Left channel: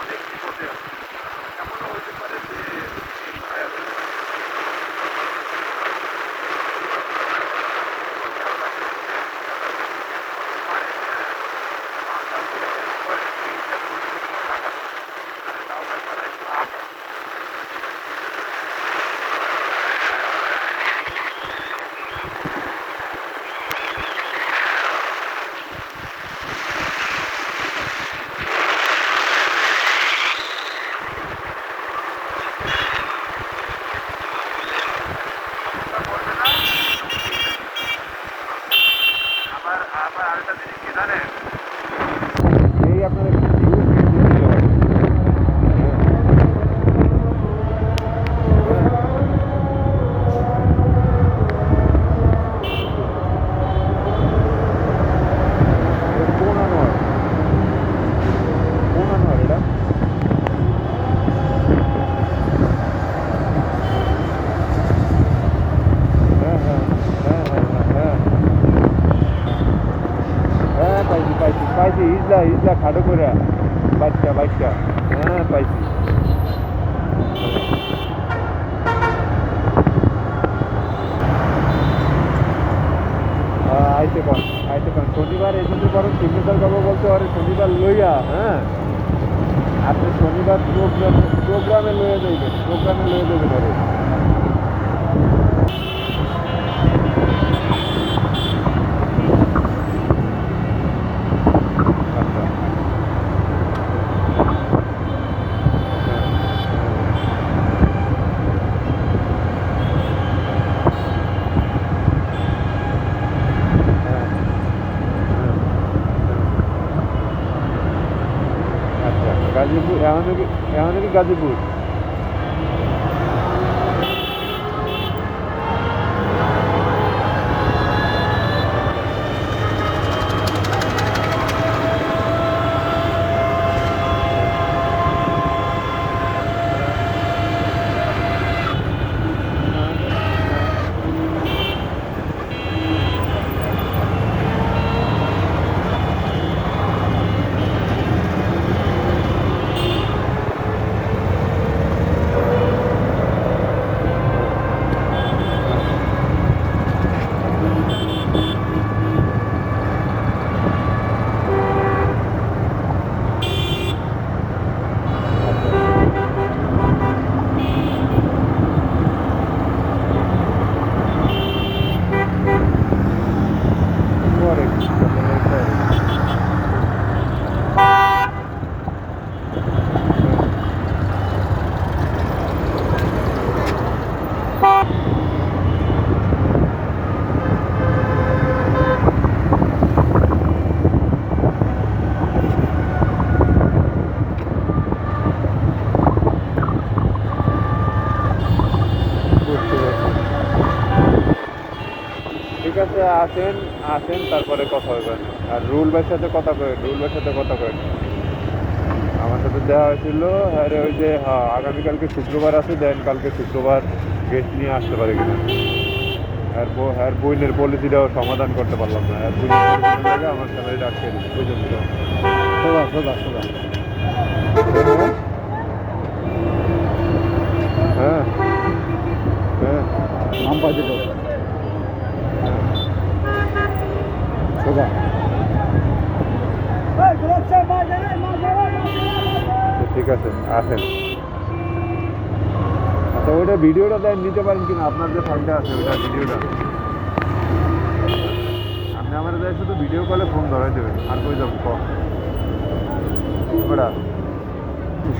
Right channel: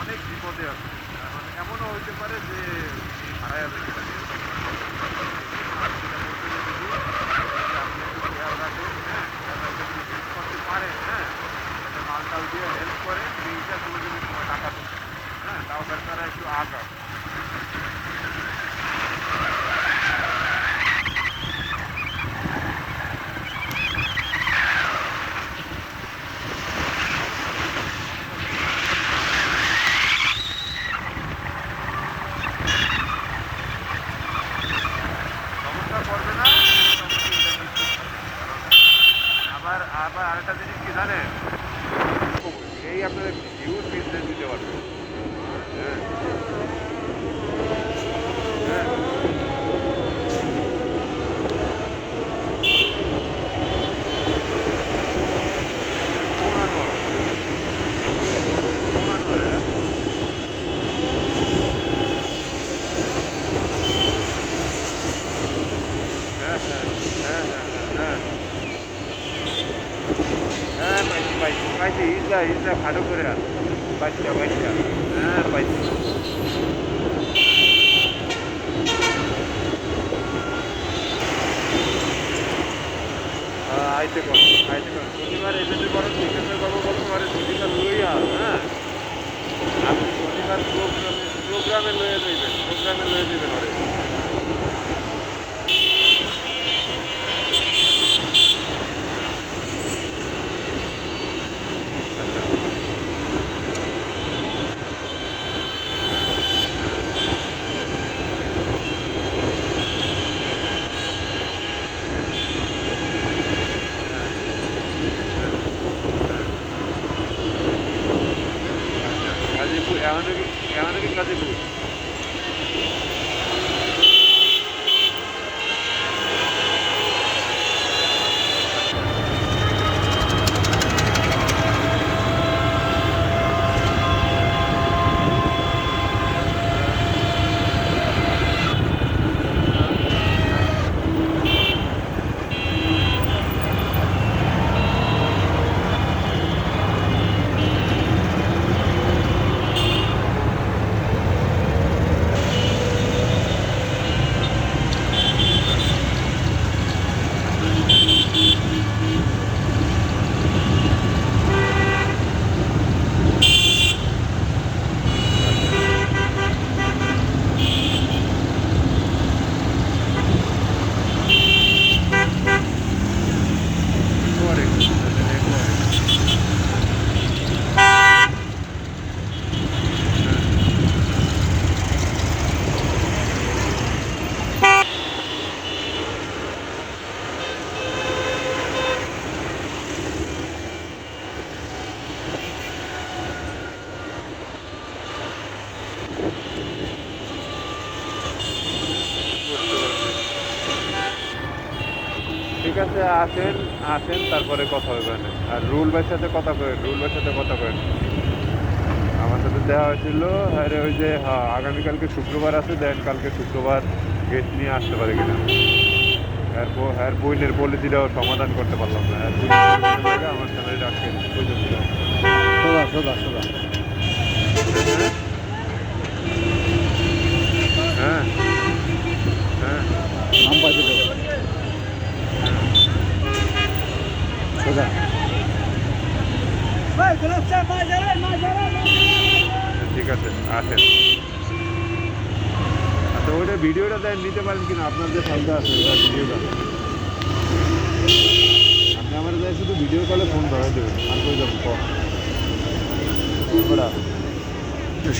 অনেক বিপদে আছে, এমনও হইতে পারে যে আরেকটা জিনিস কি জানেন, এই আপনার একটা ভিউ চেঞ্জ হয়ে যেতে পারে। হ্যাঁ, হ্যাঁ, কোন আনোয়ার, কোন আনোয়ার এটা? হ্যাঁ, হ্যাঁ, হ্যাঁ, হ্যাঁ, হ্যাঁ, হ্যাঁ, পাইছি পাইছি পাইছি, ইজলা ইজলা খাটো করে বাচ্চা বাচ্চা, হ্যাঁ পাইছি। আইতে কোন শনিবার এসেতে পারেন, সিগনেচার করবো বলতে পারে শনিবার লইয়া। হ্যাঁ, আপনি শনিবার প্রোগ্রামে লয়ে যাইবেন ওরে। আচ্ছা, হ্যাঁ, আচ্ছা গাজীপুর, এমন কি গাজীপুর? আচ্ছা, পরে পরে, হ্যাঁ, বুঝতে পারছি। ঠিক আছে, আসেন আসেন তারপরে কথা হবে। আর রুল ভাইয়ের সাথে কথা করেন, রুল ভাইয়ের সাথে কথা করেন। আমার সাথে দেওয়া হয়েছিল, আরে ওই যে হ্যাঁ আগামীকালকে শুক্রবার আছে, দেন কালকে শুক্রবার গেস্ট নিয়ে আসতে পারে কিনা। হ্যাঁ বইনের পলিসিটাও সমাধান করতে পারলাম না, আর বইনের পলিসির জায়গায় আমার স্যালারি আটকে দিচ্ছে বুঝেছিল। সোজা সোজা সোজা হ্যাঁ, হ্যাঁ, হ্যাঁ, নাম পাই দিল সোজা। ঠিক আছে, আসেন। আচ্ছা ওইটা ভিডিওটা দেন, নিতে পারেন কিনা, আপনার যে ফাইলটা আছে ওইটা ভিডিওটা আপনি আমার যাই শুধু ভিডিও কলে ফোন ধরাই দেবেন, আর কই যাবেন কল ওটা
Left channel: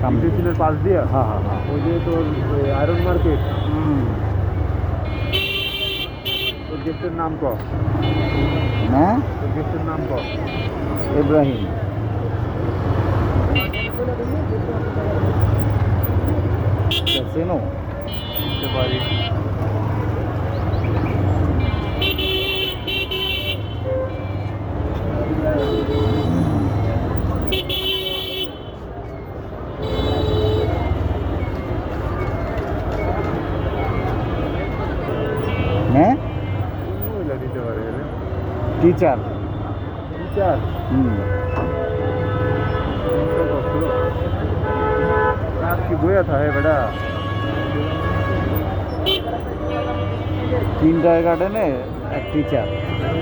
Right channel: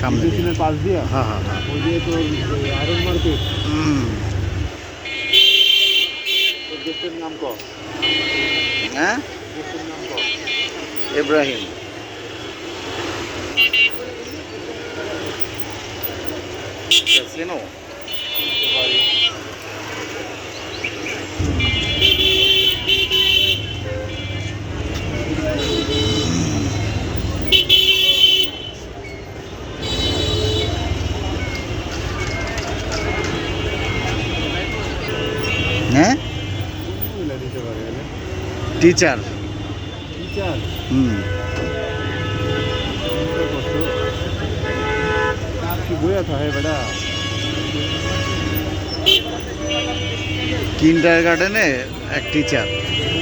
সামনে স্টেশনের পাশ দিয়ে, হ্যাঁ হ্যাঁ হ্যাঁ ওই যে তো আয়রন মার্কেট, ওই গেটের নাম তো, হ্যাঁ ওই গেটের নাম তো ইব্রাহিম চেনো বুঝতে পারি। টিচার। টিচার হুম। কি বইয়া থাকে বেটা কিন্ডার গার্ডেনে এক টিচার।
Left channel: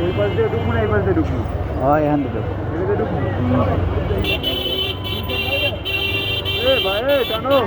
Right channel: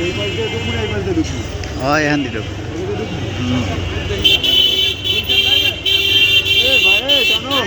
এই পাশ দিয়ে ঢুকবো না এই পাশ দিয়ে ঢুকবো হয় এখান দিল। এদিকে ঢুকবো এ ভাই টানো